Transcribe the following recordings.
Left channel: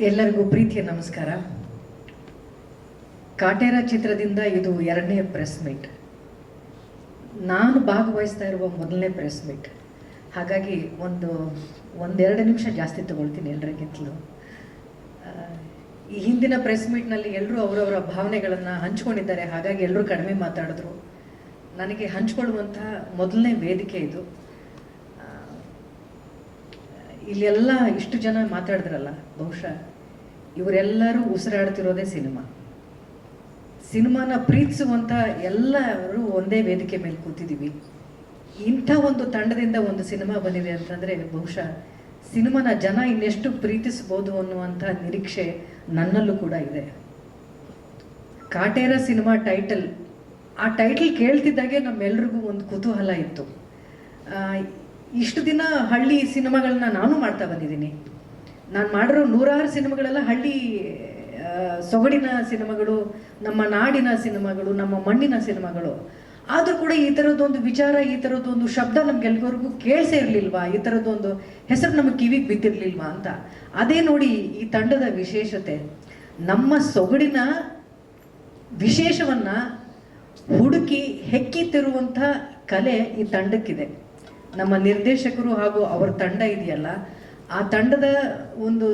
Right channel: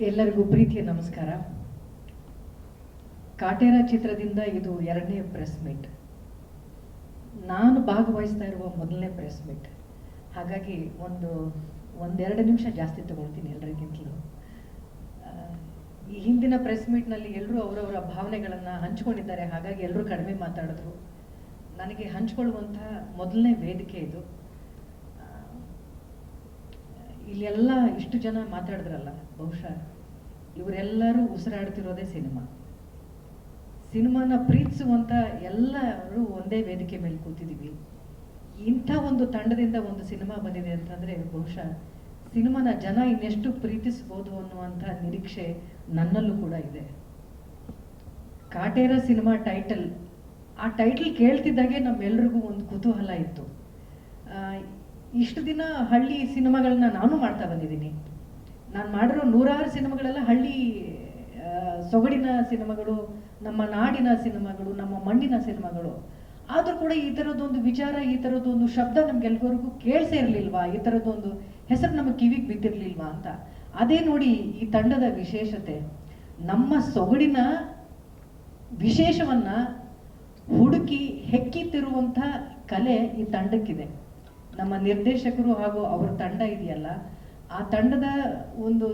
ಎಲ್ಲರಿಗೂ ಪ್ರೀತಿಯ ನಮಸ್ಕಾರ. ಕಾಟೇರ ಚಿತ್ರದಿಂದ ಇದು 2ನೇ ಪ್ರೆಸ್ ಮೀಟ್. ನಾನು ಭಾಗವಹಿಸ್ತಾ ಇರುವ ಮೊದಲನೇ ಪ್ರೆಸ್ ಮೀಟ್. ಹಾಗಾಗಿ ಒಂದೆರಡು ನಿಮಿಷ ಜಾಸ್ತಿ ತಗೊಳ್ತೀನಿ ಎಲ್ಲರಿಗಿಂತಲೂ. ಈ ಹಿಂದಿನ ಪ್ರೆಸ್ ಮೀಟ್ನಲ್ಲಿ ಎಲ್ಲರೂ ಅವರವರ ಭಾವನೆಗಳನ್ನು ಹಂಚ್ಕೊಂಡಿದ್ದಾರೆ. ಹಾಗಾಗಿ ಎಲ್ಲರೂ ಕಡಿಮೆ ಮಾತಾಡಿದ್ರು. ನನಗೆ ಹಂಚ್ಕೊಳ್ಳುವಂತಹ ಮೊದಲನೇ ವೇದಿಕೆ ಇದು. ಇಲ್ಲೆಲ್ಲ ಇಷ್ಟು ಜನ ಮಾತಾಡಿದ್ರಲ್ಲ, ಬಹುಶಃ ಇವರೆಲ್ಲರೂ ಉಸಿರಾಡ್ತಿರೋದೇ ಸಿನಿಮಾನ ಪ್ರೀತಿಸುವಂಥ ಎಲ್ಲರೂ ಒಂದೇ ವೇದಿಕೆ ಮೇಲೆ ಕೂತಿದ್ದೀವಿ. ಇಂಥ ಒಂದು ತಂಡದಿಂದ ಒಂದು ಸಿನಿಮಾ ಬಂದಿದೆ ಅಂತಂದರೆ ಬಹುಶಃ ಸಿನಿಮಾನ ಜನ ಇನ್ನೆಷ್ಟು ಪ್ರೀತಿಸ್ಬೋದು ಅನ್ನುವಂಥ ನಿರೀಕ್ಷೆ ನನ್ನಲ್ಲೂ ಕೂಡ ಇದೆ. ಕಾಟೇರ ಸಿನಿಮಾ ಟೈಟಲ್, ಆ ಟೈಟಲ್ ಕೇಳ್ತಿದ್ದಾಗೆ ನಮ್ಮೆಲ್ರಿಗೂ ಒಂದು ಕುತೂಹಲ ಇತ್ತು. ಇಷ್ಟು ದಿನ ಹಳ್ಳಿ ಸಿನಿಮಾಗಳನ್ನ ನಾನು ಮಾಡ್ತಾ ಬಂದಿದ್ದೀನಿ. ನಾನು ಮಾಡಿರೋ 100 ಸಿನಿಮಾಗಳೆಲ್ಲ ಹಳ್ಳಿ ಸೊಗಡಿನ ಸಿನಿಮಾಗಳು, ನಮ್ಮ ನಾಡಿನ ಸಿನಿಮಾಗಳು, ನಮ್ಮ ಮಣ್ಣಿನ ಸಿನಿಮಾಗಳು. ಆದರೂ ಕೂಡ ಈ ಥರದ್ದೊಂದು ವಿಚಾರ, ಈ ಥರದ್ದೊಂದು ಶಬ್ದ ನಮ್ಗೆಲ್ರಿಗೂ ಕೇಳಿಸೇ ಇರಲಿಲ್ವಾ, ಈ ಥರದ್ದೊಂದು ಹೆಸರು ನಮಗೆ ಕಿವಿಗೆ ಬಿದ್ದಿರಲಿಲ್ವಾ ಅಂತ. ಅದೇ ನೋಡಿ ಈ ತಂಡದ ವಿಶೇಷತೆ. ನಮ್ಮ ಸೊಗಡಿನ ವಿಶೇಷವನ್ನು ಹುಡುಕಿ ಹೆಕ್ಕಿತಿರುವಂಥ ಕಲೆ ಈ ತಂಡಕ್ಕಿದೆ. ನಮ್ಮ ನಿರ್ದೇಶಕರು ಹಾಗೂ ಅವರ ತಂಡ ಇದೆಯಲ್ಲ, ಆ ತಂಡದ ಒಂದು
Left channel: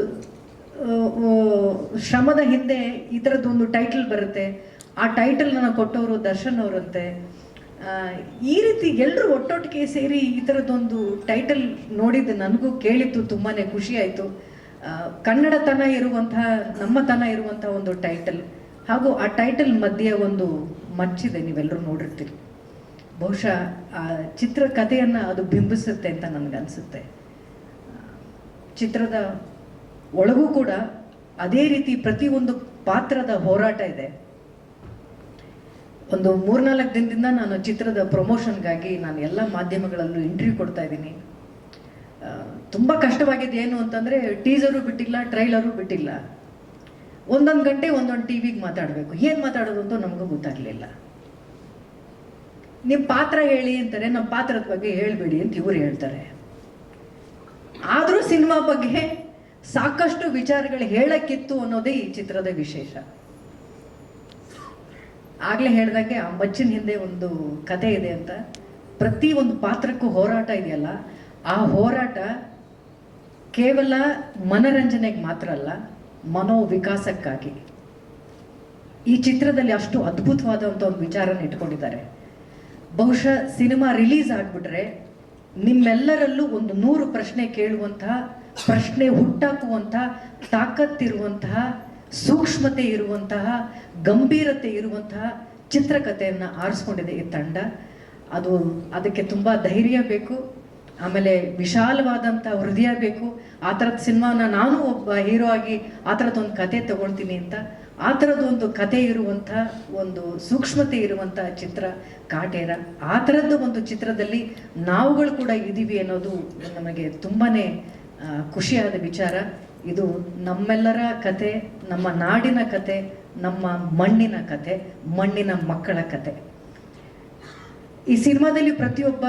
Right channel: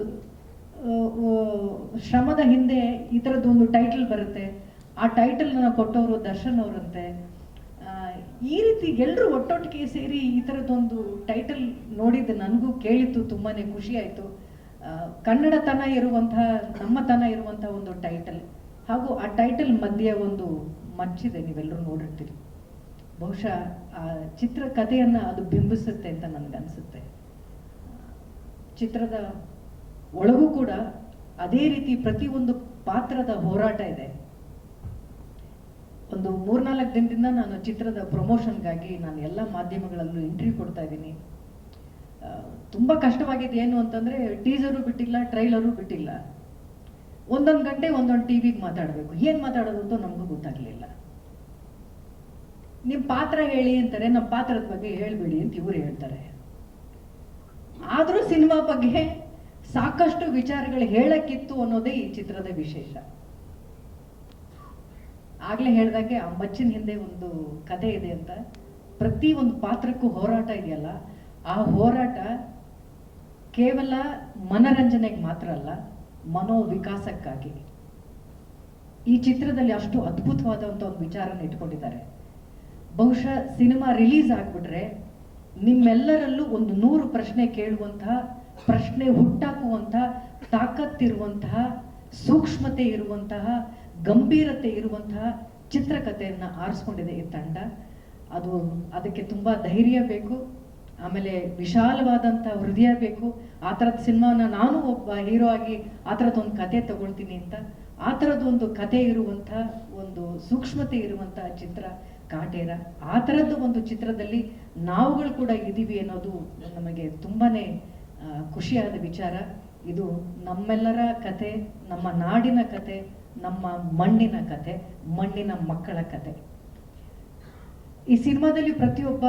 ಶ್ರಮದ ಹಿಂದೆ ಈ ಥರದ್ದೊಂದು ಟೈಟಲ್ ಬರುತ್ತೆ. ಆ ಟೈಟಲ್ನ ಕೊಟ್ಟವರು ದರ್ಶನ್ ಅವರಂತೆ. ಈ ರೀತಿ ಎಲ್ಲರೂ ಒಟ್ಟೊಟ್ಟಿಗೆ ಸೇರಿ ಈ ಥರದ್ದೊಂದು ಟೈಟಲ್ ನೋಡಿದ್ದು ನನಗೂ ಕೇಳಿತ್ತು, ತುಂಬಾ ಖುಷಿ ಆಯಿತು. ಕನ್ನಡತನ ಇರುವಂತಹ, ನಮ್ಮತನ ಇರುವಂತಹ ಒಂದು ಟೈಟಲ್. ಹಾಗೂ ಆ ಟೈಟಲ್ ಮಧ್ಯೆ ಒಂದು ಮಚ್ಚಿದೆ, ನೀವೆಲ್ಲರೂ ನೋಡಿರ್ತೀರಿ. ಬಹುಶಃ ಆ ಚಿತ್ರಕಥೆಯನ್ನು ಅದು ಬಿಂಬಿಸುತ್ತೆ ಅಂತ ನನಗನ್ಸುತ್ತೆ. ಚಿತ್ರದ ಒಳಗೂ ಕೂಡ ಅದೇ ರೀತಿ ಪ್ರತಿಯೊಂದು ಪಾತ್ರದ ಹೋರಾಟ ಇದೆ. ಒಂದು 3-4 ದಿನದಿಂದ ನಾನು ಚಿತ್ರದ ಪ್ರಮೋಷನ್ಗಾಗಿ ನಾನು ಎಲ್ಲ ಮಾಧ್ಯಮಗಳಲ್ಲೂ ಇಂಟರ್ವ್ಯೂ ಕೊಡ್ತಾ ಇದ್ದೀನಿ. ತುಂಬ ಕಷ್ಟವಾಗಿದೆ. ಏನು ಅಂತಂದರೆ ಟೀಸರು ಬಿಟ್ಟಿಲ್ಲ, ಟ್ರೈಲರು ಬಿಟ್ಟಿಲ್ಲ. 1 ಗಂಟೆ ಒಂದೊಂದು ಟಿವಿಗೆ ಮಾತಾಡಬೇಕು. ಏನು ಮಾತಾಡೋದು ಅಂತ ನಮಗೂ ಗೊತ್ತಾಗಲಿಲ್ಲ. ನಿಮ್ಮ ಪಾತ್ರ ಹೇಳಿ ಅಂತಾರೆ, ನಮ್ಮ ಪಾತ್ರದ ಬಗ್ಗೆ ಹೇಳ್ಬೇಡಿ ಅಂತ ಇವರು ಹೇಳ್ತಾರೆ. ಆದರೂ ಸಿನಿಮಾ ಬಗ್ಗೆ ಸಾಕಷ್ಟು ವಿಚಾರಗಳು ಹೇಳಕ್ಕಿತ್ತು ಅನ್ನೋದೇ ಈ ಚಿತ್ರದ ವಿಶೇಷ. ಆಗ್ಲೇ ಹೇಳ್ದಂಗೆ ಆ ಮಚ್ಚಿನ ಹಿಂದೆ ಒಂದು ಕತೆ ಇದೆ ಅಂತ. ಪ್ರತಿ ಒಂದು ಪಾತ್ರಕ್ಕೂ ಹೋರಾಟ ಇದೆಯಲ್ಲ, ಆ ಹೋರಾಟ ಕೇವಲ ಮನರಂಜನೆಗೆ ಮಾತ್ರ ಅಲ್ಲ, ಮನೋವಿಕಾಸಕ್ಕಾಗಿ. ಈ ಚಿತ್ರದಲ್ಲಿ ಅಷ್ಟು ಅದ್ಭುತವಾದಂಥ ಒಂದು ವಿಚಾರನ ಇಟ್ಕೊಂಡಿದ್ದಾರೆ. ಬಹುಶಃ ಸಿನಿಮಾ ರಿಲೀಸ್ ಆಗಿಬಿಟ್ರೆ ನಿಮ್ಮೆಲ್ಲರಲ್ಲೂ ಒಂದು 100 ಪ್ರಶ್ನೆ ಕೇಳುವಂತಹ, ಪ್ರಶ್ನೆ ಹುಟ್ಟಾಕುವಂತಹ ತಾಕತ್ತಿರುವಂತಹ, ಸೂಕ್ಷ್ಮತೆ ಇರುವಂತಹ, ಗಂಭೀರತೆ ಇರುವಂತಹ ಚಿತ್ರಕಥೆಯನ್ನು ಆರಿಸ್ಕೊಂಡಿದೆ ಈ ತಂಡ. ಅದಕ್ಕೆ ತುಂಬ ಧೈರ್ಯ ಬೇಕು, ಆಮೇಲೆ ವಿಶಾಲವಾದಂಥ ಹೃದಯ ಬೇಕು. ಆ ಥರದ ಸಿನಿಮಾನ ನಾನು ಒಬ್ಬ ಹೀರೋ ಆಗಿ ಆ ಥರದ್ದೊಂದು ಕತೆ ತಗೊಳ್ತೀನಿ ಅಂತ, ಆ ಥರದ್ದೊಂದು ಕತೆ ಇರುವಂಥ, ಒಂದು ಸೂಕ್ಷ್ಮತೆ ಇರುವಂಥ ಚಿತ್ರ ಕಾಟೇರ. ಆ ಥರದ್ದು ಒಂದು ಚಿತ್ರದಲ್ಲಿ ನಾವುಗಳು ಕೂಡ ಇದ್ದೀವಿ ಅನ್ನೋದು ನಮಗೆ ತುಂಬಾ ಖುಷಿಯಾದ ವಿಚಾರ. ಇದು ನಮ್ಮೆಲ್ಲರ ಕತೆ, ನಮ್ಮ ನಾಡಿನ ಕತೆ, ನಮ್ಮ ಮಣ್ಣಿನ ಕತೆ, ಮಣ್ಣಿನ ಮಕ್ಕಳ ಕತೆ. ಈ ಸಿನಿಮಾದಲ್ಲಿ ಪ್ರತಿಯೊಬ್ಬ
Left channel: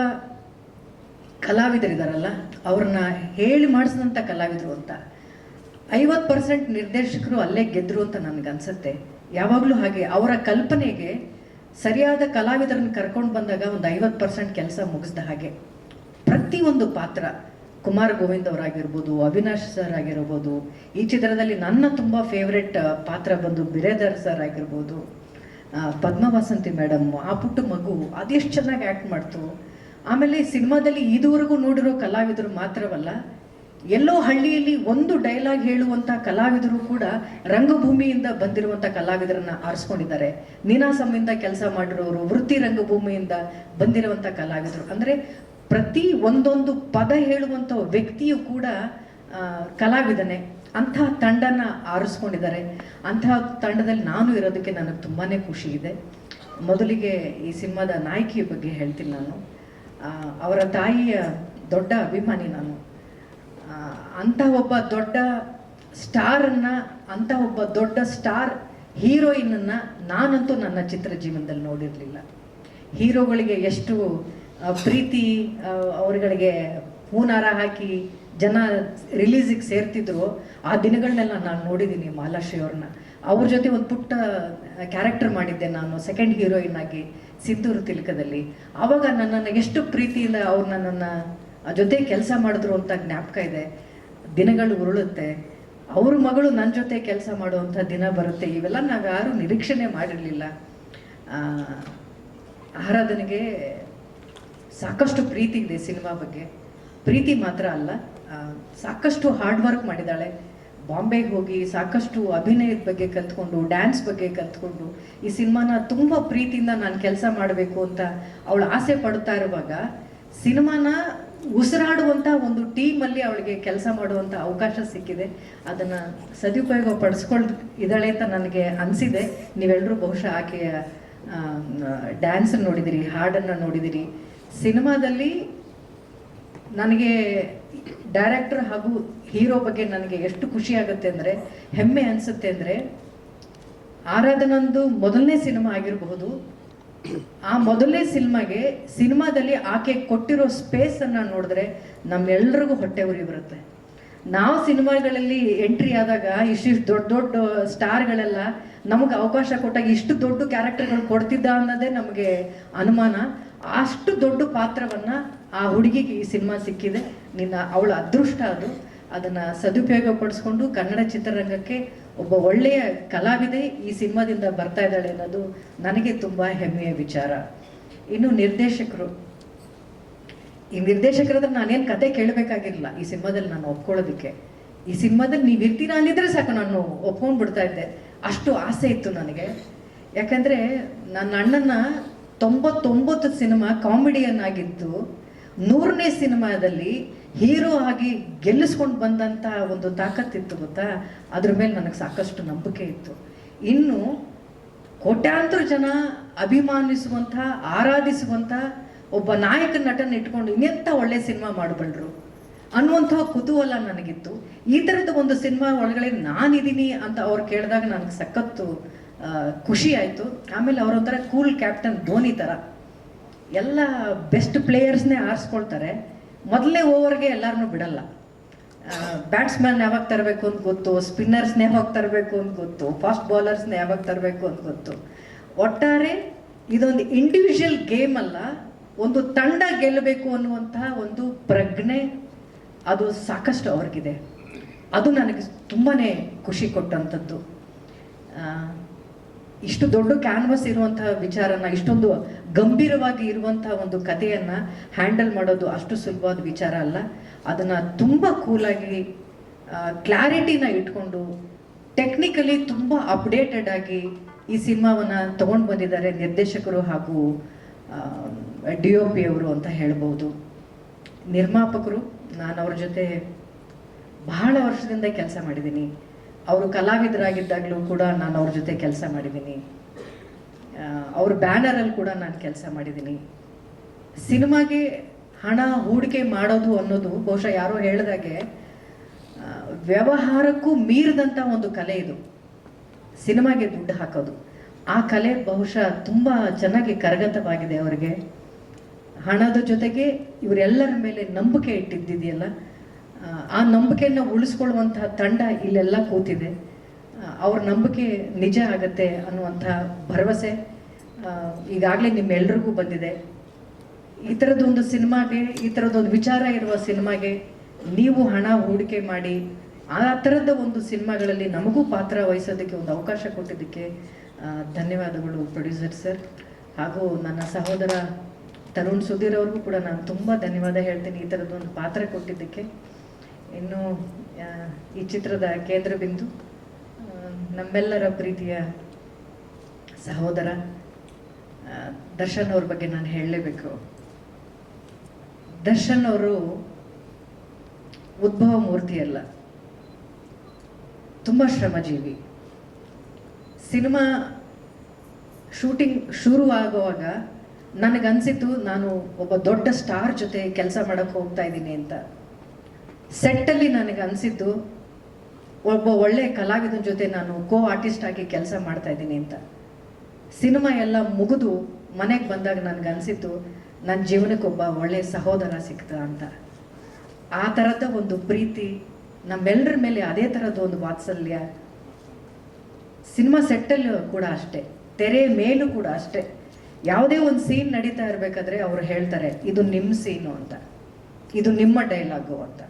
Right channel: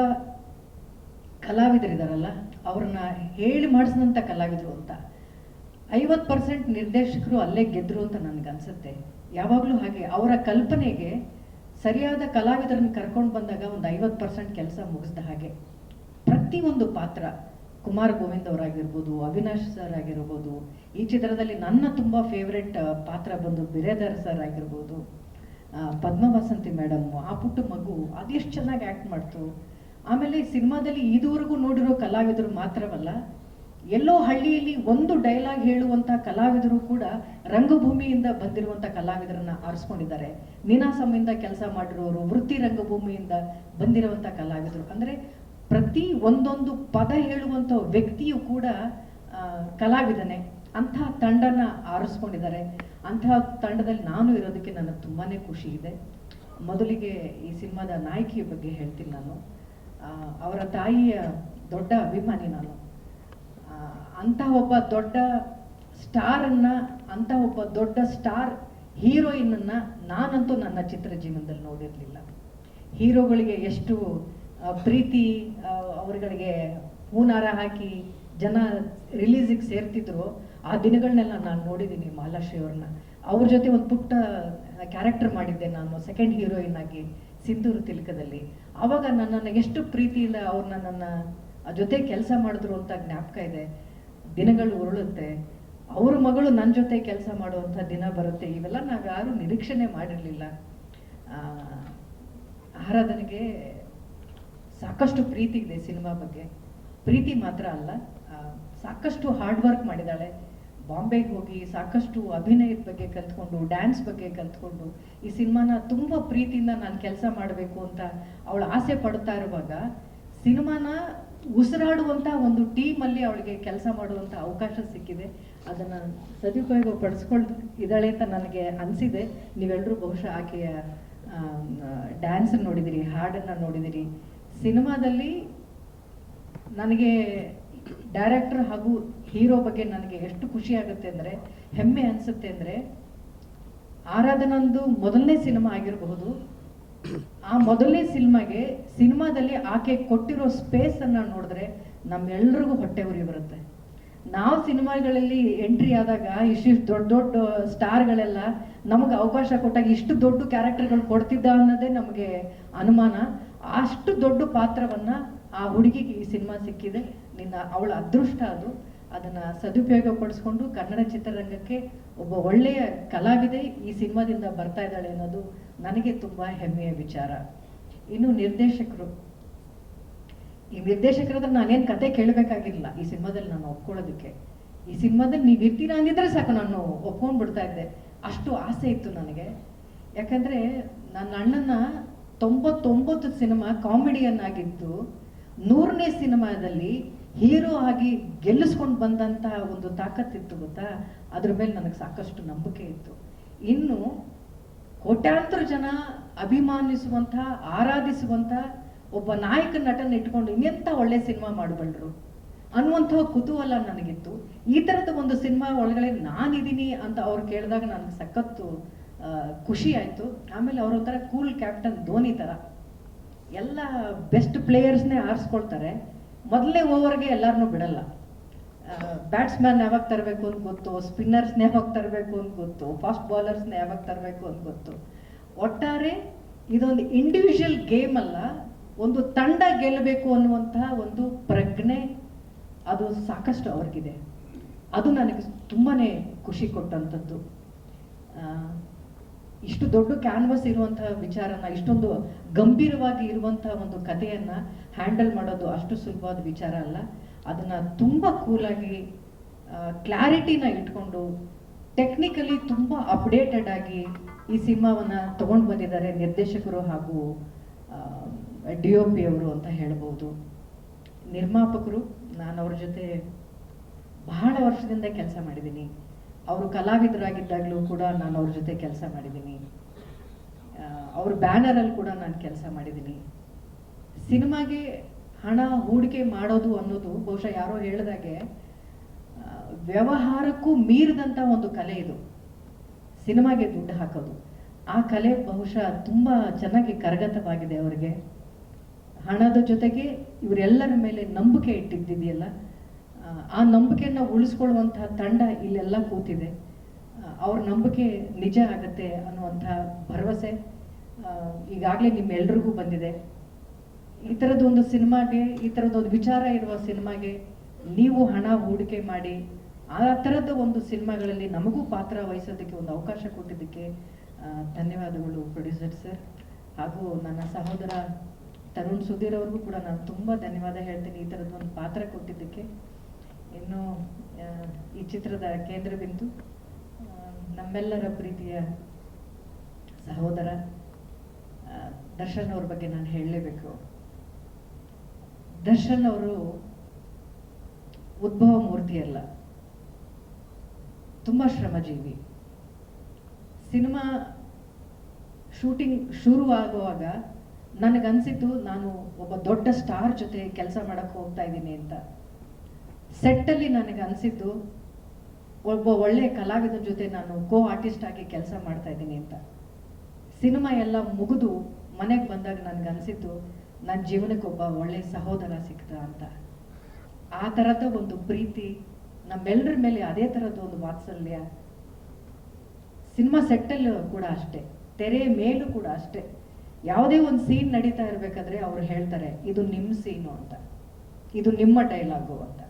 ಕಲಾವಿದರಿದಾರಲ್ಲ, ಅವ್ರನ್ನ ಹೇಳಿ ಮಾಡಿಸಿದಂಥ ಕಲಾವಿದರು ಅಂತ. 50% ನಿರ್ದೇಶಕರು ಅಲ್ಲೇ ಗೆದ್ರು ಅಂತ ನನಗನ್ಸುತ್ತೆ. ಯಾವಾಗಲೂ ಹಾಗೆ ಅವರ ಕಲ್ಪನೆಗೆ ಸರಿಯಾದ ಕಲಾವಿದರನ್ನು ಕರ್ಕೊಂಡು ಬಂದಾಗ ಒಂದು 50% ಕೆಲಸ ಮುಗಿಸ್ದ ಹಾಗೆ. ಪ್ರತಿಯೊಂದು ಪಾತ್ರ, ಕುಮಾರ್ ಗೋವಿಂದ್ ಅವರಾಗಿರ್ಬೋದು, ಅವಿನಾಶ್ ಸರ್ ಆಗಿರ್ಬೋದು, ಈ ಚಿತ್ರದಲ್ಲಿ ನನ್ನ ತುಂಬ ಫೇವ್ರೆಟ್ ಪಾತ್ರ ಬಂದು ಬಿರೇದರ್ ಸರ್ ಆಗಿರ್ಬೋದು, ಪದ್ಮವಾಸಂತಿ ಮೇಡಮ್, ಆ ಪುಟ್ಟ ಮಗು ಅದೆಷ್ಟು ಚೆನ್ನಾಗಿ ಆ್ಯಕ್ಟ್ ಮಾಡ್ತು. ಆಮೇಲೆ ಸಿನಿಮಾದಲ್ಲಿ ಇದುವರೆಗೂ ನೋಡಿರೋ ಕಲಾವಿದರು ಮಾತ್ರವಲ್ಲ, ಎಲ್ಲೋ ಹಳ್ಳಿಯಲ್ಲಿ ಒಂದು ಡೈಲಾಗ್ ಹೇಳುವಂಥ ಕಲಾವಿದರು ಕೂಡ ರಂಗಭೂಮಿಯಿಂದ ಬಂದಿರುವಂಥ ಕಲಾವಿದರನ್ನ ಆರಿಸ್ಕೊಂಡಿದ್ದಾರೆ. ನೀನಾಸಂಯಿಂದ ಕೆಲಸ ಮಾಡಿರೋರು, ವೃತ್ತಿ ರಂಗಭೂಮಿಯಿಂದ ಬಂದಿರುವಂಥ ಕಲಾವಿದರು. ಅಂದರೆ ಪ್ರತಿ ಒಂದೊಂದು ಪದ ಹೇಳುವಂಥ ವ್ಯಕ್ತಿಯು ಕೂಡ ಕಲಾವಿದನೇ. ಅಂಥ ತಂಡನ ಆರಿಸ್ಕೊಂಡಿದ್ದಾರೆ. ಅಂಥ ತಂಡದಲ್ಲಿ ನಾನು ಇರೋದಕ್ಕೆ ನನಗೆ ತುಂಬಾ ಖುಷಿ ಇದೆ. ಮೊದಲಿಗೆ ಈ ಸಿನಿಮಾದ ನಾಯಕಿಯ ಬಗ್ಗೆ ಹೇಳ್ತೀನಿ ನಾನು. ಅವರ ತಾಯಿಯ ದೊಡ್ಡ ಅಭಿಮಾನಿ ನಾನು. ಅಂಥ ಒಬ್ಬ ದೊಡ್ಡ ಸ್ಟಾರನ್ನು, ಅಂಥ ಒಬ್ಬ ದೊಡ್ಡ ಸ್ಟಾರ್ ಹೀರೋಯಿನನ್ನು ನಾನಂತೂ ನನ್ನ ಚಿತ್ರ ಜೀವನದಲ್ಲಿ ನೋಡಿರಲಿಲ್ಲ. ಹೀರೋಗಳಿಗೆ ಎಷ್ಟು ಪ್ರೀತಿ, ಅವರುಗಳಿಗೆ ಹೂನಾರ ಹಾಕಿ ಜನ ರಿಲೀಸಿಗೆ ಸೇರ್ತಿದ್ರು, ಆ ದಿನಗಳನ್ನೆಲ್ಲ ನಾನು ನೋಡಿದ್ದೀನಿ ಮಾಲಾಶ್ರೀ ಅವ್ರನ್ನ. ಅವ್ರ ಜೊತೆ ಒಂದು ಪುಟ್ಟ ಕ್ಯಾರೆಕ್ಟರ್ ಮಾಡಿದ್ದೆ ನಾನು, ಸೆಕೆಂಡ್ ಹೀರೋಯಿನ್ ಆಗಿ ಸಿಂಧೂರು ತಿಲಕದಲ್ಲಿ. ಆವಾಗ ನನ್ನನ್ನು ಎಷ್ಟು ಪ್ರೀತಿಯಿಂದ ಅವ್ರು ನನ್ನನ್ನು ಜೊತೆ ಕೆಲಸ ಮಾಡಿದ್ರು ಅಂತ ಜ್ಞಾಪಕ ಇದೆ. ದಿನಗಳು ಉರುಳುತ್ತೆ, ಅವ್ರ ಮಗಳು ನನ್ನ ಜೊತೆ ಕೆಲಸ ಮಾಡುವಂಥ ದಿನ ಬರುತ್ತೆ. ಇವೆಲ್ಲ ನಾವು ಯಾರೂ ನಿರೀಕ್ಷಣೆ ಮಾಡಿರಲಿಲ್ಲ. ಆರಾಧನೆಗೆ ಸಾಕಷ್ಟು ಪ್ರೀತಿ ಇದೆ ಸಿನಿಮಾ ಬಗ್ಗೆ. ಪ್ರೀತಿ ಮಾತ್ರ ಅಲ್ಲ, ಸಾಕಷ್ಟು ಹಾರ್ಡ್ ವರ್ಕ್ ಮಾಡಿದ್ದಾಳೆ. ಬಾಂಬೆಗೆ ಹೋಗಿ ಸಾಕಷ್ಟು ಅಭಿನಯದ ಬಗ್ಗೆ ಕಲ್ತ್ಕೊಂಡು, ಡ್ಯಾನ್ಸ್ ಬಗ್ಗೆ ಕಲ್ತ್ಕೊಂಡು, ಈ ಸಿನಿಮಾನ ತುಂಬ ಪ್ರೀತಿಯಿಂದ ನಾನು ಕೆಲಸ ಮಾಡಬೇಕು ಅಂತ ಅವಳು ಆಸೆ ಪಡ್ತಾ ಇರುವಾಗ, ಸಿನಿಮಾನ ಉಸಿರಾಡುವಂಥ ಒಂದು ಟೀಮಲ್ಲಿ ಅವಳಿಗೆ ಕೆಲಸ ಮಾಡುವಂಥ ಅವಕಾಶ ಸಿಕ್ಕಿದೆ. ಅದನ್ನು ಸದುಪಯೋಗ ಪಡಿಸ್ಕೊಳ್ತಿದ್ದಾಳೆ ಅಂತ ನನಗೆ ಅನಿಸಿದೆ. ನೀವೆಲ್ಲರೂ ಬಹುಶಃ ಆಕೆಯ ಡ್ಯಾನ್ಸ್ ನೋಡಿದಿರಿ, ಹಾಡನ್ನು ನೋಡಿದಿರಿ. ಸಿನಿಮಾದಲ್ಲಿ ನನಗೆ ಡೈರೆಕ್ಟರ್ ಹಾಗೂ ಹೀರೋ ಬಗ್ಗೆ ನನಗೆ ಎಷ್ಟು ಖುಷಿ ಆಗುತ್ತೆ ಅಂದರೆ, ಹೆಮ್ಮೆ ಅನಿಸುತ್ತೆ ಅಂದರೆ, ಆರಾಧನಂದು ಮೊದಲನೇ ಸಿನಿಮಾ ಆಗಿರಬಹುದು. ಆ ಮೊದಲನೇ ಸಿನಿಮಾದಲ್ಲಿ ಆಕೆ ಕೊಟ್ಟಿರೋ ಸ್ಪೇಸನ್ನು ನೋಡಿದ್ರೆ ನಮ್ಮೆಲ್ರಿಗೂ ಹೊಟ್ಟೆ ಉರಿ ಬರುತ್ತೆ. ನಾವು ಸಿನಿಮಾಗಳಲ್ಲಿ ಎಂಟ್ರಿ ಆದಾಗ ಇಷ್ಟಿಷ್ಟು ದೊಡ್ಡ ದೊಡ್ಡ ಸ್ಟಾರ್ಗಳೆಲ್ಲ ನಮಗೆ ಅವಕಾಶ ಕೊಟ್ಟಾಗ ಇಷ್ಟು ದೊಡ್ಡ ಕ್ಯಾರೆಕ್ಟರ್ಗಳು ಕೊಡ್ತಿದ್ದ ಅನ್ನೋದೇ ನಮಗೆ ಅನುಮಾನ. ಅಷ್ಟು ದೊಡ್ಡ ಪಾತ್ರವನ್ನು ಆ ಹುಡುಗಿಗೆ ಈ ಸಿನಿಮಾ ಸಿಕ್ಕಿದೆ. ಅವಳ ಅದೃಷ್ಟ ಅದು. ಅದನ್ನು ಸದುಪಯೋಗ ಪಡಿಸ್ಕೊಂಡು ಕನ್ನಡ ಚಿತ್ರರಂಗಕ್ಕೆ ಒಬ್ಬ ಒಳ್ಳೆಯ ಕಲಾವಿದೆ ಈ ಸಿನಿಮಾದಿಂದ ಬರ್ತಾ ಇದ್ದಾಳೆ ಅನ್ನೋದು ನನಗೆ ತುಂಬ ಹೆಮ್ಮೆಯ ವಿಚಾರ. ಇನ್ನು ಈ ನಿರ್ದೇಶಕರಾದ್ರೆ ನಾನೇನು ಕತೆ ಕೇಳಬೇಕಾಗಿರಲಿಲ್ಲ ಈ ಸಿನಿಮಾದಲ್ಲಿ ನಾನು ಒಪ್ಕೊಳ್ಳೋದಕ್ಕೆ. ಈ ಸಿನಿಮಾದಲ್ಲಿ ನೀವು ಇರ್ತೀರಾ ಅಂದಿದ್ರೆ ಸಾಕು, ನಾನು ಒಪ್ಕೊಂಡು ಬಿಡ್ತಾ ಇದ್ದೆ. ಅಷ್ಟು ಆಸೆ ಇತ್ತು ನನಗೆ. ಯಾಕಂದರೆ ನನ್ನ ಅಣ್ಣನ 99 ಸಿನಿಮಾ ಕಾಮಿಡಿಯನ್ ಆಗಿದ್ದು, 100ನೇ ಸಿನಿಮಾದಲ್ಲಿ ಹೀರೋ ಆಗಿ ಗೆಲ್ಲಿಸ್ಕೊಂಡು ಬಂದಂಥ ಒಂದು ತಾಕತ್ತಿತ್ತು ಗೊತ್ತಾ. ಅದ್ರ ಮೇಲೆ ನನಗೆ ಸಾಕಷ್ಟು ನಂಬಿಕೆ ಇತ್ತು. ಇನ್ನು ಕೋಟ್ಯಾಂತರ ಜನ ಅಭಿಮಾನಿಸುವಂಥ, ಆರಾಧಿಸುವಂಥ ಒಬ್ಬ ನಾಯಕ ನಟನ ಇಟ್ಕೊಂಡು ಇನ್ನೆಂಥ ಒಳ್ಳೆ ಸಿನಿಮಾ ಮಾಡಬಲ್ರು ಅನ್ನುವಂಥ ಕುತೂಹಲ ನನಗಿತ್ತು. ಈ ಥರದ ಒಂದು ಸಿನಿಮಾ ಒಳಗಡೆ ನಾನಿದ್ದೀನಿ ಅಂತ ಅವ್ರು ಕೇಳಿದಾಗ ನನಗೆ ಸಖತ್ತು ಖುಷಿ ಆಯಿತು. ಆಮೇಲೆ ಅವರೊಂಥರ ಕೂಲ್ ಕ್ಯಾಪ್ಟನ್ ಧೋನಿ ಥರ ಎಲ್ಲ ಬೆಸ್ಟ್ ಪ್ಲೇಯರ್ಸ್ನೇ ಆರಿಸ್ಕೊಳ್ತಾರೆ. ಮೊದಲನೇ ಓವರ್ಗೆ ಎಲ್ಲರನ್ನೂ ಬಿಡಲ್ಲ. ಬ್ಯಾಟ್ಸ್ಮನ್ ಯಾವಾಗ ತರಬೇಕು ಅಂತ ಗೊತ್ತು, ಸ್ಪಿನ್ನರ್ಸ್ನೇ ಯಾವಾಗ ತರಬೇಕು ಅಂತ ಗೊತ್ತು, ಫಾಸ್ಟ್ ಬೌಲರ್ಸ್ನೇ ಯಾವಾಗ ತರಬೇಕು ಅಂತ ಗೊತ್ತು. ಒಟ್ಟಾರೆ ಇದೊಂದು ಇಂಡಿವಿಜುವಲ್ ಗೇಮ್ ಅಲ್ಲ, ಒಂದು ತಂಡ ಗೆಲ್ಲಬೇಕು ಅನ್ನುವಂಥ ಒಂದು ಪ್ರಜ್ಞೆ ಅದು ಸಾಕಷ್ಟು ಅವ್ರಿಗಿದೆ. ಅದು ನನಗೆ ತುಂಬಾ ಖುಷಿ ಕೊಟ್ಟಂಥದ್ದು. ಇಷ್ಟು ದೊಡ್ಡ ಕ್ಯಾನ್ವಸ್ ಇರುವಂತಹ ವಿಚಾರನ, ಇಷ್ಟೊಂದು ಗಂಭೀರವಾಗಿ ಇರುವಂತಹ ಒಂದು ಕಥೆಯನ್ನು ಹ್ಯಾಂಡಲ್ ಮಾಡೋದು ಅಷ್ಟು ಸುಲಭವಾದ ವಿಚಾರ ಅಲ್ಲ. ಅದನ್ನು ತುಂಬ ಕೂಲಾಗಿ ಕ್ಲಾರಿಟಿನ ಇಟ್ಕೊಂಡು ಟೆಕ್ನಿಕಲಿ ತುಂಬ ಅಪ್ಡೇಟೆಡ್ ಆಗಿ ಈ ಸಿನಿಮಾವನ್ನು ತೊಗೊಂಡು ಬಂದಿದ್ದಾರೆ ನಿರ್ದೇಶಕರು ಹಾಗೂ DOP ಅವರು ಅಂತ ಹೇಳ್ಬೋದು. ನಿರ್ಮಾಪಕರು, ನಾನು ಅವ್ರ ಜೊತೆ ಬಹಳ ವರ್ಷದಿಂದ ಕೆಲಸ ಮಾಡಿದ್ದೀನಿ. ಅವರು ಕಲಾವಿದರಾಗಿದ್ದಾಗಲೂ ಕೂಡ ನಾನು ಅವ್ರ ಜೊತೆ ಕೆಲಸ ಮಾಡಿದ್ದೀನಿ. ಅವ್ರ ಬ್ಯಾನರಲ್ಲಿ ಕೂಡ ನಾನು ಕೆಲಸ ಮಾಡಿದ್ದೀನಿ. ಸಿನಿಮಾಗೆ ಹಣ ಹೂಡಿಕೆ ಮಾಡೋದು ಅನ್ನೋದು ಬಹುಶಃ ಯಾರೋ ಹೇಳಿದಾಗೆ ವ್ಯವಹಾರಕ್ಕೂ ಮೀರಿದಂಥ ಒಂದು ಕಲೆ ಇದು. ಸಿನಿಮಾಗೆ ದುಡ್ಡು ಹಾಕೋದು, ಆ ಕಲೆ ಬಹುಶಃ ತುಂಬ ಚೆನ್ನಾಗಿ ಕರಗತವಾಗಿದೆ ಅವರಿಗೆ. ಹಣದ ಜೊತೆಗೆ ಇವರೆಲ್ಲರ ಮೇಲೆ ನಂಬಿಕೆ ಇಟ್ಟಿದ್ದಿದೆಯಲ್ಲ, ಆ ನಂಬಿಕೆಯನ್ನು ಉಳಿಸ್ಕೊಳ್ಳುವಂತಹ ತಂಡ ಇಲ್ಲೆಲ್ಲ ಕೂತಿದೆ. ಅವ್ರ ನಂಬಿಕೆ ನಿಜ ಆಗತ್ತೆ ಅನ್ನುವಂಥ ಭರವಸೆ ಈಗಾಗಲೇ ನಿಮ್ಮೆಲ್ರಿಗೂ ಬಂದಿದೆ. ಈ ಥರದ್ದೊಂದು ಸಿನಿಮಾಗೆ, ಈ ಥರದ್ದೊಂದು ವಿಚಾರ ಇರುವ ಸಿನಿಮಾಗೆ ನೀವು ಹಣ ಹೂಡಿಕೆ ಮಾಡಿ ಆ ಥರದ ಒಂದು ಸಿನಿಮಾಗಳಲ್ಲಿ ನಮಗೂ ಪಾತ್ರ ವಹಿಸೋದಕ್ಕೆ ಒಂದು ಅವಕಾಶ ಕೊಟ್ಟಿದ್ದಕ್ಕೆ ಧನ್ಯವಾದಗಳು ಪ್ರೊಡ್ಯೂಸರ್ ಸರ್. ಹಾಗೂ ನನ್ನ ಸಹೋದರ ತರುಣ್ ಸುಧೀರ್ ಅವ್ರಿಗೂ ಕೂಡ ನಾನು ತುಂಬ ಧನ್ಯವಾದ ಹೇಳ್ತೀನಿ ಈ ಥರದ್ದೊಂದು ಪಾತ್ರ ಕೊಟ್ಟಿದ್ದಕ್ಕೆ. ಇನ್ನು ಈ ಚಿತ್ರದ ಕೇಂದ್ರ ಬಿಂದು ನಮ್ಮೆಲ್ಲರ ಪ್ರೀತಿಯ ಸಹೋದರ ದರ್ಶನ್ ಅವ್ರ ಬಗ್ಗೆ ನಾನು ಹೇಳಲೇಬೇಕು. ದರ್ಶನ್ ಅವರು ಉದ್ಭವ ಮೂರ್ತಿ ಅಲ್ಲ, ತುಂಬ ಶ್ರಮಜೀವಿ. ಸಿನಿಮಾ ಶೂಟಿಂಗ್ ಶುರು ಆಗುವಾಗ ನನಗನ್ಸಿತ್ತು ನಾನು ಒಬ್ಬ ದೊಡ್ಡ ಸ್ಟಾರ್ ಜೊತೆ ಕೆಲಸ ಮಾಡೋಕ್ಕೆ ಹೋಗ್ತಾ ಇದ್ದೀನಿ ಅಂತ. ಸೆಟ್ಟಲ್ಲಿ ನನಗೆ ಅನಿಸಿದ್ದು ಒಬ್ಬ ಒಳ್ಳೆಯ ಕಲಾವಿದನ ಜೊತೆ ನಾನು ಆರ್ಟಿಸ್ಟ್ ಆಗಿ ಕೆಲಸ ಮಾಡ್ತಾ ಇದ್ದೀನಿ ಅಂತ. ಸಿನಿಮಾ ಎಲ್ಲ ಮುಗಿದು ಮನೆಗೆ ಬಂದಾಗ ನನಗೆ ಅನಿಸಿತ್ತು ನನ್ನ ಜೀವನಕ್ಕೆ ಒಬ್ಬ ಒಳ್ಳೆಯ ಸಹೋದರ ಸಿಕ್ತ ಅಂತ. ಆ ಥರದ ಒಂದು ಪ್ರೀತಿ, ನಮ್ಮೆಲ್ಲರ ಮೇಲೆ ಅದೇ ಥರದ ಒಂದು ವಾತ್ಸಲ್ಯ. ಸಿನಿಮಾ ಸೆಟ್ಟಲ್ಲೂ ಕೂಡ ಅಷ್ಟೇ, ತೆರೆ ಮೇಲೂ ಕೂಡ ಅಷ್ಟೇ. ಯಾವುದೇ ಒಂದು ಸೀನ್ ನಡೀತಾ ಇರಬೇಕಾದ್ರೆ ಅವ್ರು ಹೇಳ್ತಾರೆ, ಇದು ನಿಮ್ಮ ಸೀನು ಅಂತ, ಇದು ನಿಮ್ಮ ಡೈಲಾಗು ಅಂತ.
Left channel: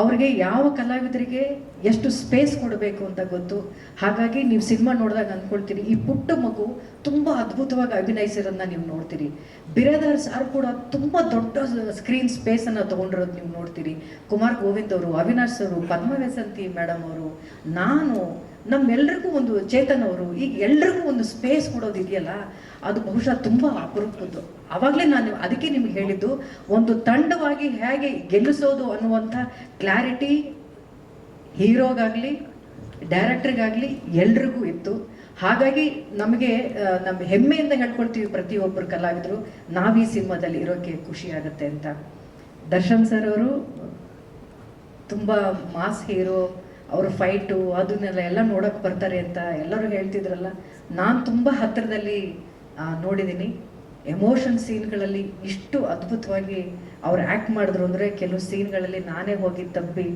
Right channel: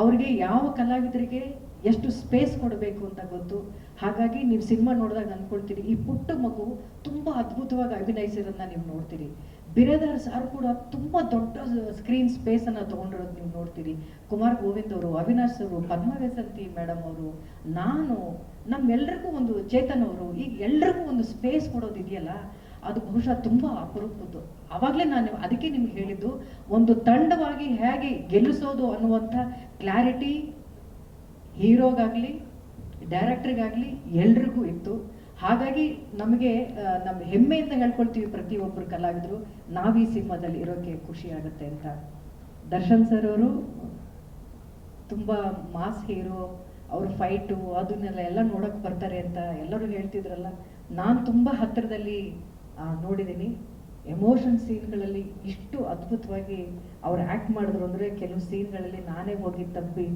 ಅವ್ರಿಗೆ ಯಾವ ಕಲಾವಿದರಿಗೆ ಎಷ್ಟು ಸ್ಪೇಸ್ ಕೊಡಬೇಕು ಅಂತ ಗೊತ್ತು. ಹಾಗಾಗಿ ನೀವು ಸಿನಿಮಾ ನೋಡಿದಾಗ ಅಂದ್ಕೊಳ್ತೀರಿ, ಈ ಪುಟ್ಟ ಮಗು ತುಂಬ ಅದ್ಭುತವಾಗಿ ಅಭಿನಯಿಸಿರೋದನ್ನ ನೀವು ನೋಡ್ತೀರಿ. ಬಿರಾದಾರ್ ಸಾರ್ ಕೂಡ ತುಂಬ ದೊಡ್ಡ ಸ್ಕ್ರೀನ್ ಸ್ಪೇಸನ್ನು ತೊಗೊಂಡಿರೋದು ನೀವು ನೋಡ್ತೀರಿ. ಕುಮಾರ್ ಗೋವಿಂದ್ ಅವರು, ಅವಿನಾಶ್ ಅವರು, ಪದ್ಮವ್ಯಸಂತಿ ಮೇಡಮ್ ಅವರು, ನಾನು, ನಮ್ಮೆಲ್ರಿಗೂ ಒಂದು ಚೇತನ್ ಅವರು, ಈಗ ಎಲ್ರಿಗೂ ಒಂದು ಸ್ಪೇಸ್ ಕೊಡೋದಿದೆಯಲ್ಲ, ಅದು ಬಹುಶಃ ತುಂಬ ಅಪರೂಪದ್ದು. ಆವಾಗಲೇ ನಾನು ಅದಕ್ಕೆ ನಿಮ್ಗೆ ಹೇಳಿದ್ದು, ಒಂದು ತಂಡವಾಗಿ ಹೇಗೆ ಗೆಲ್ಲಿಸೋದು ಅನ್ನುವಂಥ ಕ್ಲಾರಿಟಿ ಹೀರೋಗಾಗಲಿ ಡೈರೆಕ್ಟ್ರಿಗಾಗಲಿ ಎಲ್ರಿಗೂ ಇತ್ತು. ಹಾಗಾಗಿ ನಮಗೆ ನಮ್ಮ ಹೆಮ್ಮೆಯಿಂದ ಹೇಳ್ಕೊಳ್ತೀವಿ ಪ್ರತಿಯೊಬ್ಬರು ಕಲಾವಿದರು, ನಾವು ಈ ಸಿನಿಮಾದಲ್ಲಿ ಇರೋಕ್ಕೆ ಖುಷಿ ಆಗುತ್ತೆ ಅಂತ. ದರ್ಶನ್ ಸರ್ ಅವರು ತುಂಬ ಮಾಸ್ ಹೀರೋ, ಅವ್ರ ಫೈಟು ಅದನ್ನೆಲ್ಲ ನೋಡೋಕೆ ಬರ್ತಾರೆ ಅಂತ ಎಲ್ಲರೂ ಹೇಳ್ತಿದ್ರಲ್ಲ, ನಾನು ತುಂಬ ಹತ್ತಿರದಲ್ಲಿ ನೋಡಿದ್ದೀನಿ. ಎಮೋಷನ್ ಸೀನ್ಗಳಲ್ಲಿ ಇಷ್ಟು ಅದ್ಭುತವಾಗಿ ಅವ್ರು ಆ್ಯಕ್ಟ್ ಮಾಡಿದ್ರು ಅಂದರೆ, ಕೆಲವು ಸೀನ್ಗಳಲ್ಲಿ ನಾನೇ ಹೋಗಿ ತಬ್ಬಿ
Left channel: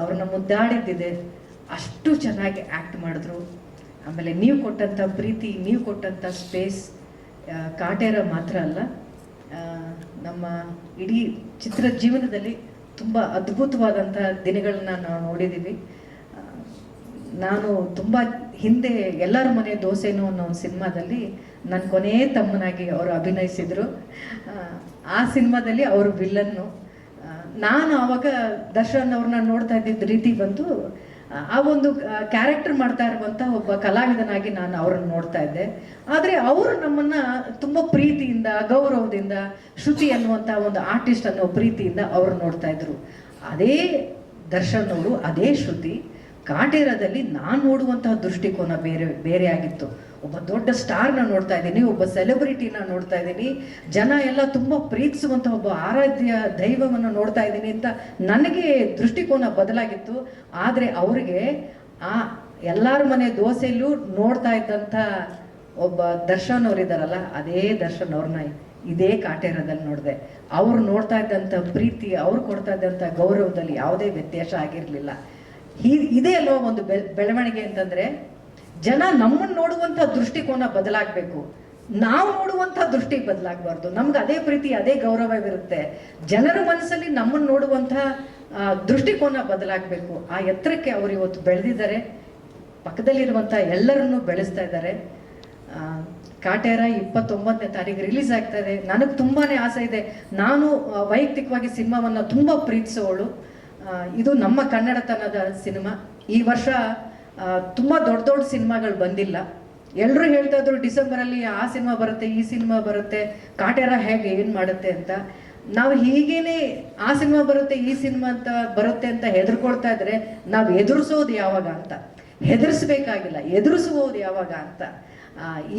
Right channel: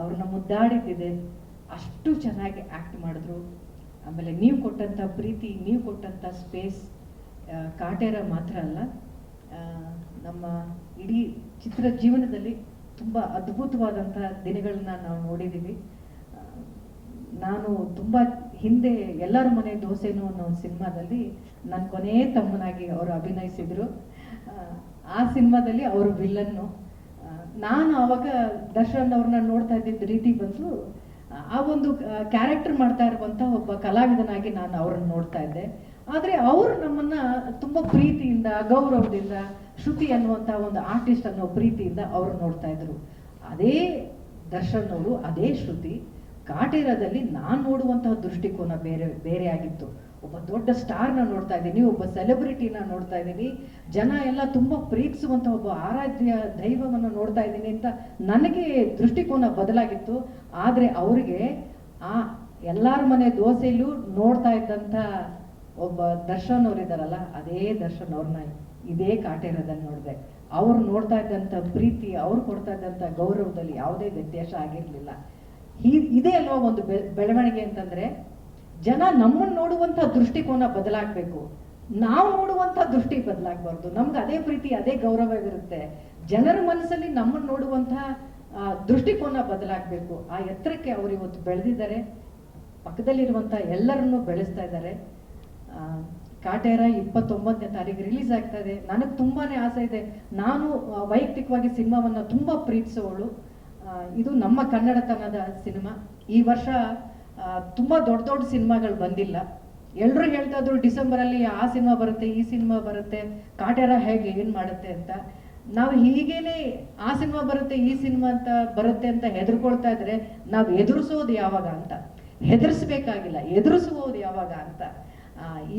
ಅವ್ರನ್ನ ಮುದ್ದಾಡಿದ್ದಿದೆ, ಅಷ್ಟು ಚೆನ್ನಾಗಿ ಆ್ಯಕ್ಟ್ ಮಾಡಿದ್ರು. ಆಮೇಲೆ ನೀವು ಕೊಟ್ಟಂಥ ಪ್ರೀತಿ, ನೀವು ಕೊಟ್ಟಂಥ ಸ್ಪೇಸ್ ಕಾಟೇರ ಮಾತ್ರ ಅಲ್ಲ, ನಮ್ಮ ಇಡೀ ಚಿತ್ರ ಜೀವನದಲ್ಲಿ ತುಂಬ ಅದ್ಭುತವಾದಂಥ ದಿನಗಳನ್ನ ನಾವು ನೋಡಿದ್ದೀವಿ. ನಾನು ತುಂಬ ಹಿಂದೆ ಎಲ್ಲರ ಮನೆ ದೋಸೆನೋ ಅನ್ನೋ ಒಂದು ಸಿನಿಮಾದಲ್ಲಿ ನನ್ನ ಕೊನೆಯ ತಮ್ಮನಾಗಿ ಅವರು ಅಭಿನಯಿಸಿದರು. ಆ ಸಿನಿಮಾದಲ್ಲಿ ಅವರು ವಿಲ್ಲನ್ನು. ನಾನು ಆವಾಗ ದರ್ಶನ್ ಅವ್ರನ್ನ ನೋಡ್ತಾ ಇದ್ದಿದ್ದ ರೀತಿ ಬಂದು ಆ ಒಂದು ಕ್ಯಾರೆಕ್ಟರ್ ಮಾಡ್ತಾ ಇರುವಂಥ ಒಬ್ಬ ಕಲಾವಿದನಾಗಿ ನಾನು ಅವ್ರನ್ನ ನೋಡ್ತಾ ಇದ್ದೆ. ಆದರೆ ಅವರು ನಮ್ಮನ್ನು ತುಂಬ ಪ್ರೀತಿಯಿಂದ, ಗೌರವದಿಂದ, ಶ್ರುತಿ ಅನ್ನುವಂಥ ಒಂದು ಆರ್ಟಿಸ್ಟ್ ಅನ್ನೋ ಪ್ರೀತಿಯಿಂದ ಅವರು ನೋಡ್ತಾ ಇದ್ರು. ಅದೇ ದರ್ಶನ್ ಅವರು, ಅದೇ ಶ್ರುತಿ ಕಾಟೇರದಲ್ಲಿ ನಾನು ನೋಡುವಂತಹ ದೃಷ್ಟಿಕೋನ ಬೇರೆ ಆಗಿತ್ತು. ಒಬ್ಬ ದೊಡ್ಡ ಸ್ಟಾರ್ನ ನೋಡ್ತಾ ಇದ್ದೀನಿ, ಒಬ್ಬ ಸೆಲೆಬ್ರಿಟಿನ ನೋಡ್ತಾ ಇದ್ದೀನಿ, ಜನ ಎಲ್ಲ ತುಂಬ ಪ್ರೀತಿಸುವಂಥ ಒಬ್ಬ ಆರಾಧ್ಯ ದೈವವನ್ನು ನೋಡ್ತಾ ಇದ್ದೀನಿ ಅಂತ ನನಗೆ ದೃಷ್ಟಿಕೋನ ಬದಲಾಗಿತ್ತು. ಆದರೆ ಅವರಿಗೆ ಆ ಎಲ್ಲರ ಮನೆ ದೋಸೆಯಲ್ಲೂ ನೋಡ್ತಾ ಇದ್ದಂಥ ಒಬ್ಬ ದರ್ಶನ್ ಅವರಿದ್ದಾರಲ್ಲ, ಅದೇ ದರ್ಶನ್ ಅವ್ರನ್ನ ಇದೇ ಕಾಟೇರದಲ್ಲಿ ನೋಡಿದೆ. ಅವ್ರು ನೋಡ್ತಾ ಇದ್ದಂಥ ಪ್ರೀತಿ, ಅವ್ರು ಕೊಡ್ತಾ ಇದ್ದಂಥ ಗೌರವದಲ್ಲಿ ಯಾವುದೇ ವ್ಯತ್ಯಾಸ ಆಗಿರಲಿಲ್ಲ. ಇದೇ ಅಲ್ವಾ ಒಂದು ಬೆಳವಣಿಗೆ ಅಂತಂದ್ರೆ, ಜನ ನಮ್ಮನ್ನು ನೋಡುವಂಥ ದೃಷ್ಟಿಕೋನ ಬದಲಾಗಬೇಕು, ನಾವು ನೋಡುವಂಥ ದೃಷ್ಟಿ ಬದಲಾಗಬಾರ್ದು. ನಮ್ಗೆ ಅದೇ ಪ್ರೀತಿ, ಅದೇ ಗೌರವವಿರುತ್ತೆ. ಜನರ ಮನಸ್ಸಲ್ಲಿ ನಮ್ಮನ್ನು ನೋಡುವಂಥ ದೃಷ್ಟಿಕೋನ ಬದಲಾಗಬೇಕು. ಆ ಎತ್ತರಕ್ಕೆ ಅವರು ಇವತ್ತು ಬೆಳೆದಿದ್ದಾರೆ, ಪಕ್ಕದಲ್ಲಿರುವಂಥ ಎಲ್ಲರನ್ನೂ ಬೆಳೆಸ್ತಾ ಇದ್ದಾರೆ. ಕಾಟೇರ 29ನೇ ತಾರೀಕು ರಿಲೀಸ್ ಆಗ್ತಾ ಇದೆ. ನನಗೆ ತುಂಬಾನೇ ಆಸೆ ಇದೆ. ನಾನು ವೈಯಕ್ತಿಕವಾಗಿ ಸಿನಿಮಾವನ್ನು ತುಂಬ ಪ್ರೀತಿಸೋಳು. ಇದು ನಮ್ಮ ಕನ್ನಡತನದ ಸಿನಿಮಾ. ಈ ವರ್ಷ ತುಂಬ ದೊಡ್ಡ ದೊಡ್ಡ ಸಿನಿಮಾಗಳು ಬಂದಿಲ್ಲ. ಎಲ್ಲರೂ ಹೇಳ್ತಾ ಇದ್ರು ಡಿಸೆಂಬರಲ್ಲಿ ಆ ಸಿನಿಮಾ ಬರುತ್ತೆ, ಈ ಸಿನಿಮಾ ಬರುತ್ತೆ, ಕಾಟೇರ ಹೇಗೆ ಏನು ಮಾಡುತ್ತೆ ಅಂತ. ನಾವು ಹೀಗೇನೆ ಆ ಸಿನಿಮಾ ಬರುತ್ತೆ, ಈ ಸಿನಿಮಾ ಅಂತ ಬರುತ್ತೆ ಅಂತ ಹೆದರ್ಕೊಳ್ತಾ ಇದ್ರೆ ನಾವು ಎದುರಿಸೋದು ಯಾವಾಗ ಅಂತ, ಹೆದರ್ಸ್ಬೇಕಾಗಿಲ್ಲ, ಎದುರಿಸುವುದು ಯಾವಾಗ ಅಂತ.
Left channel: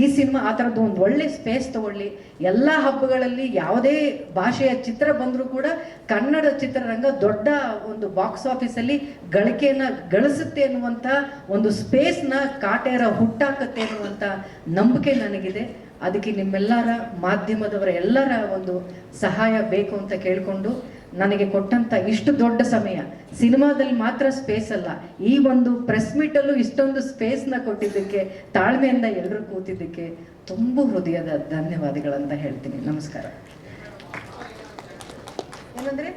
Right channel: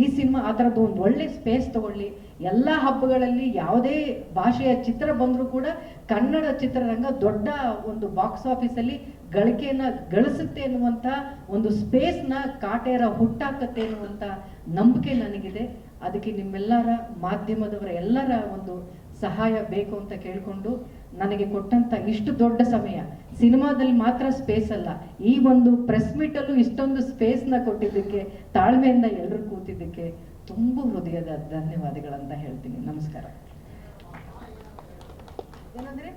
ಈ ಸಿನಿಮಾ ಆ ಥರದ್ದು ಒಂದು ಒಳ್ಳೆ ಸ್ಪೇಸ್ ತಗೊಳ್ಳಿ. ಎಲ್ಲ ಹಬ್ಬಗಳಲ್ಲಿ ಯಾವುದೇ ಭಾಷೆಯ ಚಿತ್ರ ಬಂದರೂ ಕೂಡ ಕನ್ನಡ ಚಿತ್ರರಂಗ ದೊಡ್ಡ ಒಂದು ಬಾಕ್ಸ್ ಆಫೀಸಲ್ಲಿ ಗಳಿಕೆಯನ್ನು ಗಳಿಸುತ್ತೆ ಅನ್ನುವಂಥ ಒಂದು ಸ್ಪೇಸ್ನ ಕಾಟೇರ ಹುಟ್ಟಾಕತ್ತೆ ಅನ್ನುವಂಥ ನಂಬಿಕೆ ನನಗಿದೆ. ಅದಕ್ಕೆ ನಿಮ್ಮೆಲ್ಲರ ಮಾಧ್ಯಮದವರ ಎಲ್ಲರ ಒಂದು ಸಹಾಯ ಬೇಕು ಅಂತ ಕೇಳಿಕೊಂಡು, ನನಗೆ ಕೊಟ್ಟಂತ ಇಷ್ಟು ದೊಡ್ಡ ಸಮಯ, ಸಿನಿಮಾದಲ್ಲಿ ಮಾತ್ರ ಸ್ಪೇಸ್ ಅಲ್ಲ, ಈ ಒಂದು ಪ್ರೆಸ್ ಮೀಟಲ್ಲೂ ಇಷ್ಟೊಂದು ಸ್ಪೇಸ್ನ ಕೊಟ್ಟಿದ್ದಕ್ಕೆ, ತಾಳ್ಮೆಯಿಂದ ಎಲ್ಲರೂ ಕೂತಿದ್ದಕ್ಕೆ ತುಂಬ ಹೃದಯದ ಧನ್ಯವಾದಗಳಂತ ಹೇಳ್ತೀನಿ. ನಮಸ್ಕಾರ. ಏನಂದ್ರೆ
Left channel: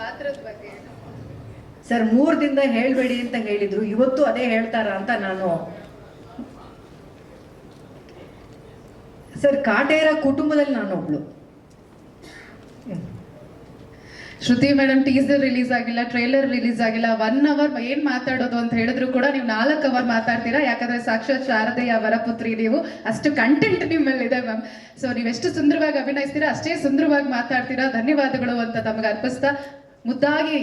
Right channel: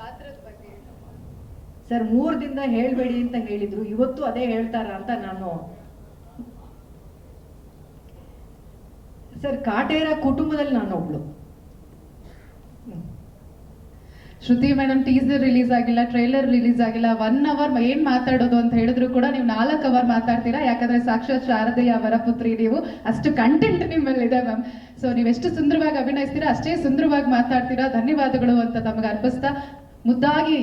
ಪಾತ್ರದ ಬಗ್ಗೆ ಸರ್ 3 ದಿನದಿಂದ ಹೇಳ್ಬೇಡಿ ಅಂತ ಹೇಳಿದ್ರು, ಇವತ್ತು ಅದೇ ಹೇಳ್ತಾರ ಅಂತ ನಾನು. ಸರ್, ಕಾಟೇರ ಕುಟುಂಬದಲ್ಲಿ ನಾನು ಒಬ್ಳು. ಶ್ರುತಿ ಮೇಡಮ್ ಟೀಸರ್ ರಿಲೀಸ್ ಆಗಿಲ್ಲ, ಟ್ರೈಲರ್ ರಿಲೀಸ್ ಆಗಿಲ್ಲ, 1 ಅವರ್ ಏನ್ ಮಾತಾಡೋದು ಅಂತ ಹೇಳಿದ್ರು ಕೂಡ ನೀವು 4 ಅವರ್ ಮಾತಾಡ್ತೀರಾ. ಯಾಕಂದ್ರೆ ಸಾಕ್ಷಾತ್ ಶಾರದೆಯ ವರಪುತ್ರಿ ನೀವು, ಅಷ್ಟು ಕಂಟೆಂಟ್ ನಿಮ್ಮಲ್ಲಿದೆ ಮ್ಯಾಮ್. ಸೊ ನೀವೆಷ್ಟು ಸುಂದರವಾಗಿ ಅಭಿನಯಿಸ್ತೀರಾ, ಅಷ್ಟೇ ಸುಂದರವಾಗಿ ಮಾತಾಡ್ತೀರಾ. ಧನ್ಯವಾದಗಳು ಅಂತ ನಮಗೆ ಅರ್ಪಿಸ್ತಾ ಮುದ್ದಾಗಿ